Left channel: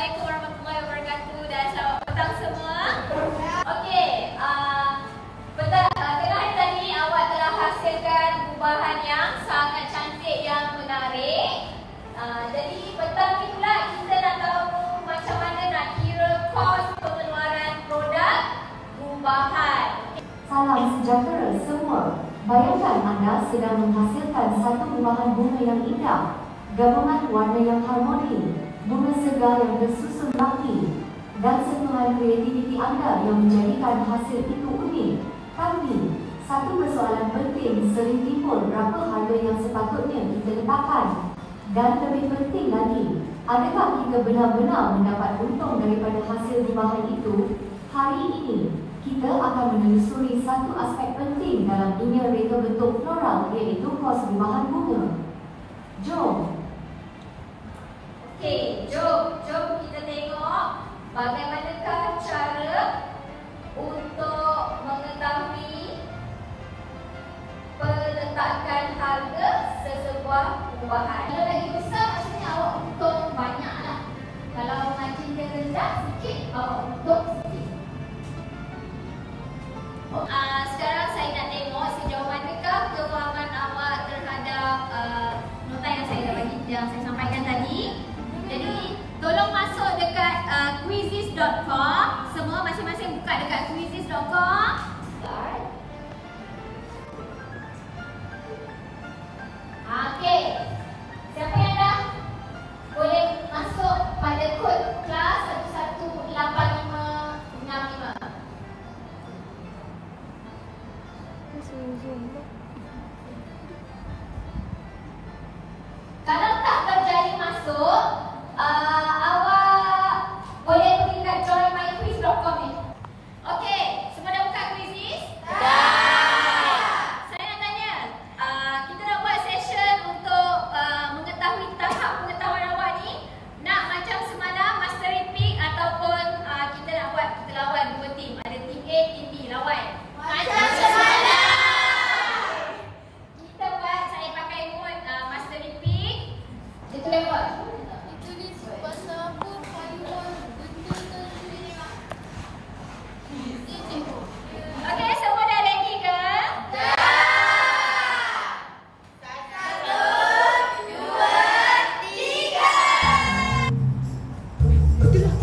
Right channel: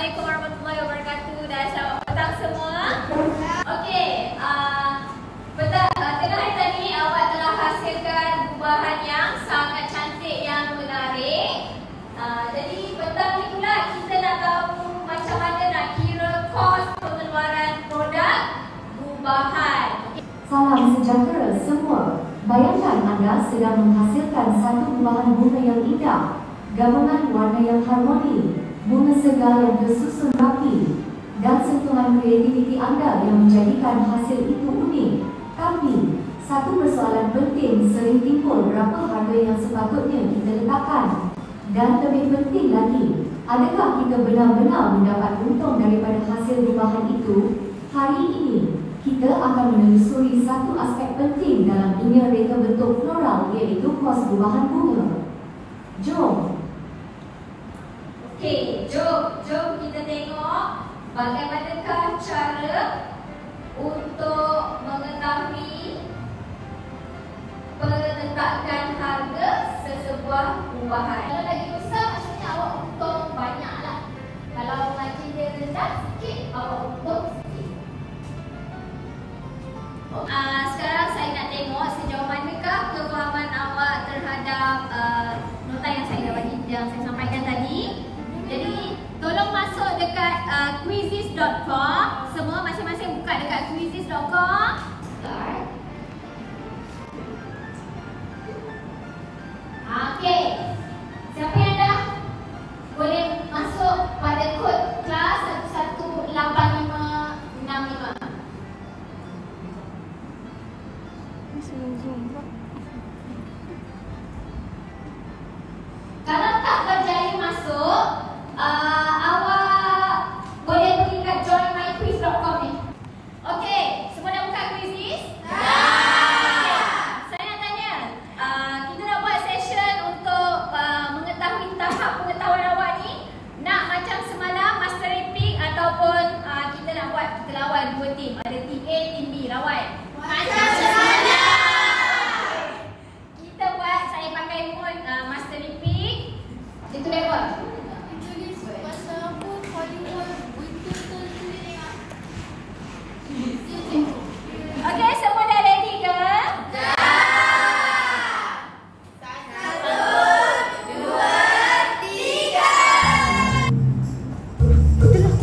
Assalamualaikum warahmatullahi wabarakatuh dan selamat petang semua. Okey, petang tengah hari tadi awak telah hasilkan gubahan yang sangat cantik yang menarik. Jadi petang ni pula kita nak tahu macam mana nak kira kos pengeluaran produk gubahan. Salam sejahtera semua. Bayangkan anda sedang menghasilkan satu gubahan bunga yang indah, gabungan warna yang harmoni, bunga segar yang bersusun rapi, dan sentuhan kreativiti anda yang menjadikan hasil itu unik. Tapi, satu persoalan penting sering timbul, berapa harga yang sepatutnya kita letakkan? Dan lebih penting lagi, adakah kita benar-benar mendapat untung daripada hasil gubahan itu? Hari ini, kita akan menelusuri satu aspek penting dalam dunia reka bentuk floral, iaitu kos gubahan bunga. Jom! Okey, jom kita tengok bagaimanakah cara untuk mengetahui peletakan harga sesebuah gubahan. Kalau lagi besar maksudnya awak untung banyak lah. Kalau margin dia rendah sikit, awak untung sikit. Sekarang saya nak tengok sejauh manakah kefahaman awak terhadap nota yang saya bagi, yang saya sampaikan tadi. Jadi, tolong masuk dekat quizizz.com. Semua masing-masing buka dekat quizizz.com. Okey. Siapa yang dah boleh masuk pada kod kelas 18565. Kalau tak berjaya masuk, awak boleh pergi kat joinmyquiz.com ni. Okey, semua dah buka Quizizz? Okay. Saya nak tanya, kita nak buat session untuk mengetahui tahap pengetahuan awak ni. Nak macam semalam Master Epic ataupun kita nak buat, kita lawan dua tim. Ada tim A, tim B, lawan. Macam semalam. Kita buat, saya pakai mode Master Epic. Itu lewat. Okey, semua dah ready ke? Dah. 1, 2, 3. Itulah.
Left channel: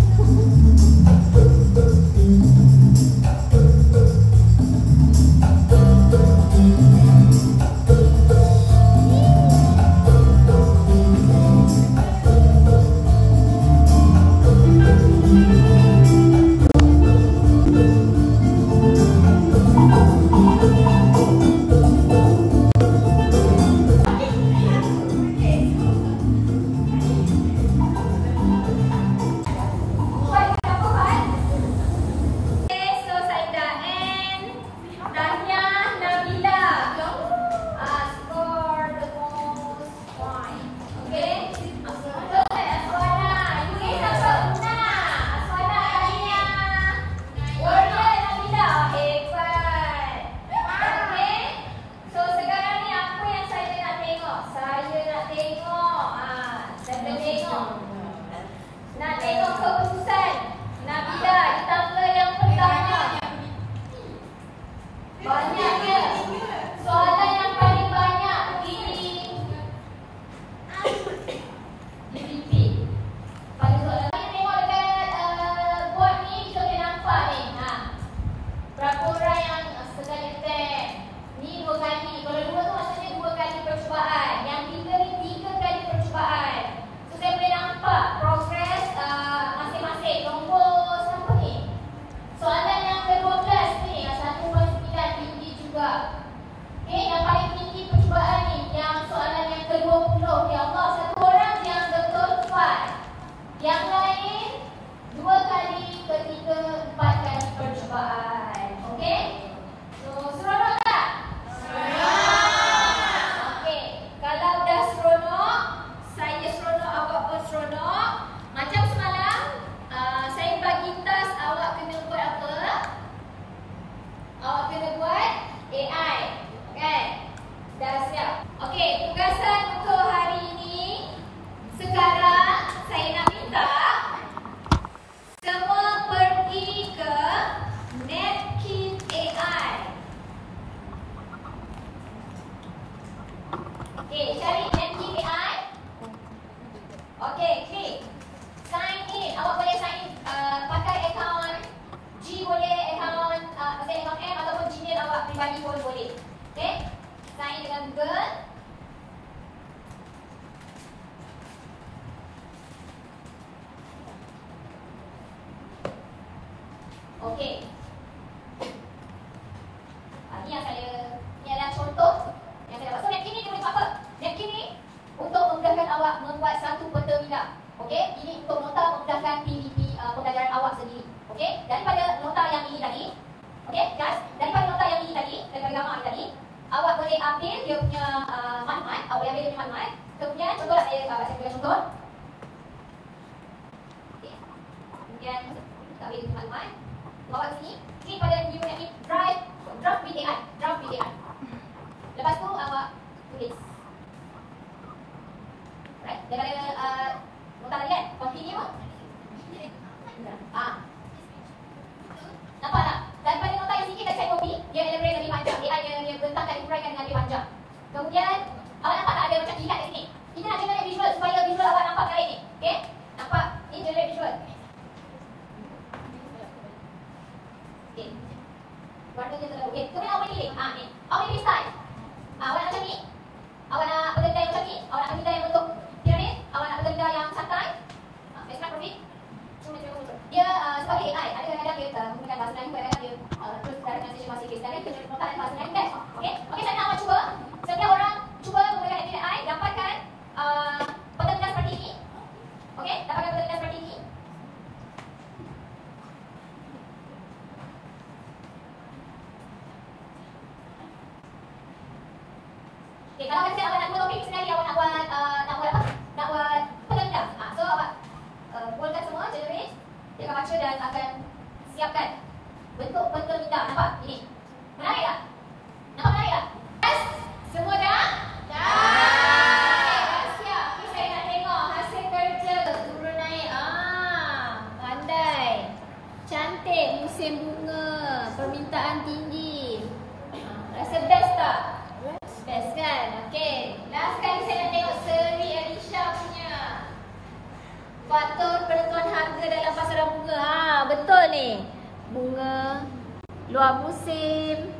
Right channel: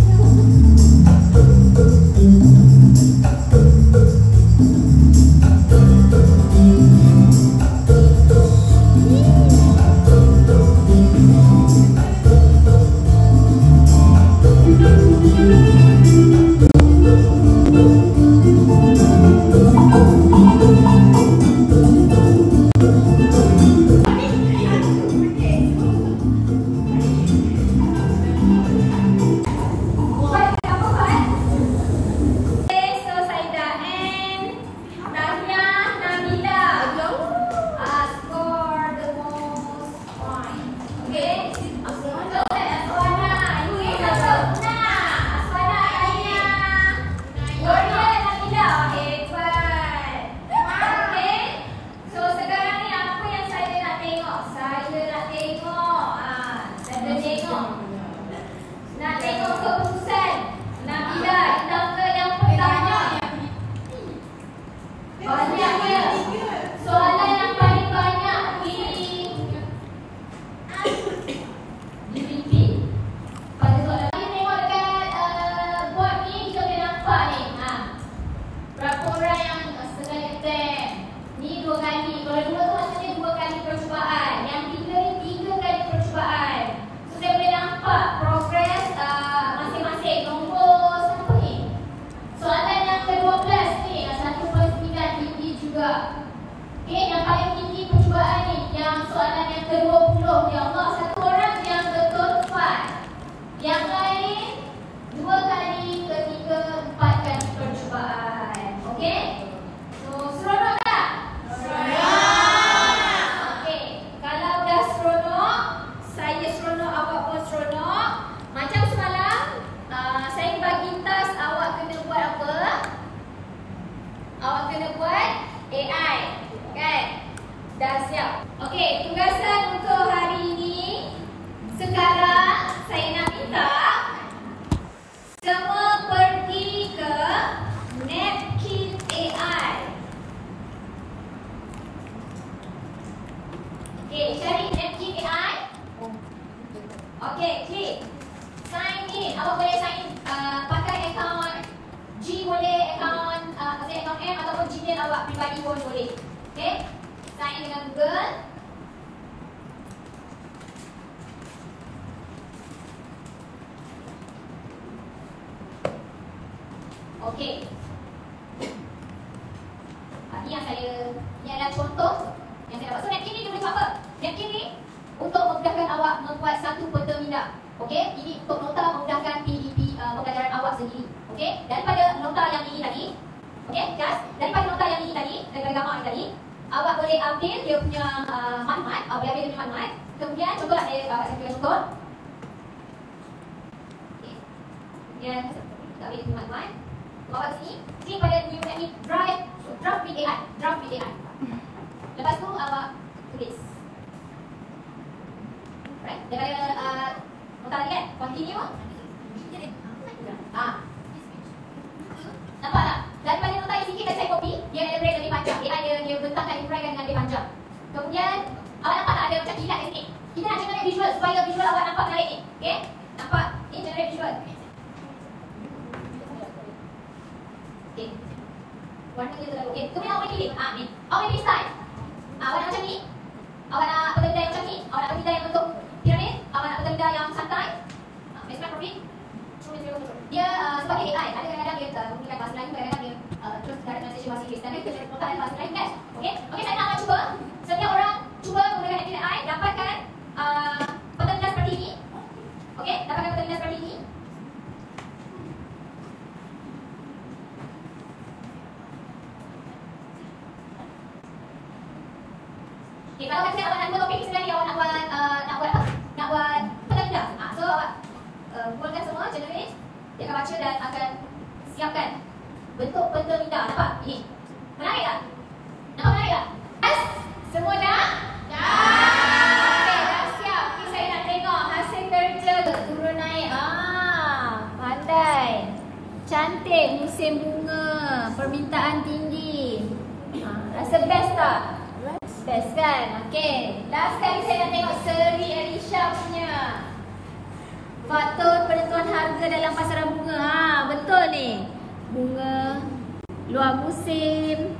Nak tengok keputusan Nabila di tangga yang pertama. Banyaknya soalan yang paling banyak di repeat. Pada soalan ni tengok dekat buat ni, kita boleh nampak ni. Berapa orang yang sedang attempt. Ni 2 kali. Kalau 2 tu maksudnya 2 kali percubaan. Yang 3 ni 3 kali percubaan. Saya boleh nampak progres masing-masing nombor satu ni. Soalan yang ke-12 ni, 1/9 tinggi juga. Okey, nampak yang tinggi percubaan ni. Yang soalan yang ke-20, ya Allah, satu orang yang betul 4. Yang lain 2 kali, ketiga 4 kali percubaan. Okey? So, seronok tak? Seronok. Okey, kalau dah seronok, saya seronok, awak pun seronok. Macam semalam, saya bagi task awak kena buat apa? Awak kena buat AI, kan? Dah siap. Okey, tugasan untuk hari ini. Sekarang saya nak minta Okey, cari napkin AI. Okey, klik. Sign in. Awak boleh sign in pakai akaun G boleh, akaun akaun M ataupun Gmail awak pribadi pun boleh. Okey. Sign in dengan Google. Okey. Ini adalah contoh yang saya dapat. So napkin ni dia boleh buat apa? Napkin ni untuk memudahkan awak membuat satu peta minda. Okey, ini untuk nota memudahkan PDP pembelajaran awak sendiri. Okey, daripada nota yang ini tadi, okey, guys, daripada nota yang ini tadi, daripada gambar ini tadi, awak boleh ambil dia punya maklumat, awak boleh ambil dia punya maklumat. Kemudian cubalah saya bagi contoh. Okey. Kemudian kita ambil dia punya maklumat. Bawa ke sini, klik pada new napkin draft PDI. Lepas tu awak tulis. Right? Daripada nota lagi kan? Continue. Nampak tak? Daripada nota yang sikit tadi saya copy, dia ada break lebih panjang. Dia bentangkan, uraikan dengan lebih panjang. Kemudian awak nampak tak ada macam kilat di sini? Kita nak generate visual supaya visual awak nampak menarik ni. Okay? Nampak? Ini generate visual. Okay. Warna dia terlalu. Okay. Kemudian awak boleh pilih. Ni. Awak boleh pilih style. Awak nak macam ni. Awak nak pekerja yang macam ni. Awak nak pekerja yang bentuk piramid. Awak nak pekerja yang santai. Background profit. Dia sebagai AI. Ada kadang-kadang dia menggunakan bahasa Melayu. Kadang-kadang dia terus dari translation bahasa Inggeris. Kadang-kadang dia menggunakan bahasa Melayu kan. Okay. Okay, saya nak awak cuba. Setiap orang cuba menggunakan AI. Dapatkan pekerja seperti ini. Okay. Dapatkan pekerja seperti ini. Okay, kalau nanti awak nak buat topik sekali, awak nak buat apa? Nak buat pekerja. So awak buatkan semua, generate. Dia akan baca dan akan siapkan bentuk peta minda. Nampak? Ini. Menarik tak? Nampak menarik tak? Yes? Semua dah? Dah. Okey, dah siap. Okay, saya nak tengok hasil kerja turun naik. Pandai. Cantik, musim bunga, permintaan tinggi. Rasa best tak? Best kan? Okey. Last kali saya nak tengok Seri Alisha punya. Faktor penentuan harga dalam pasaran bunga. Betul ni. Bunga luar musim.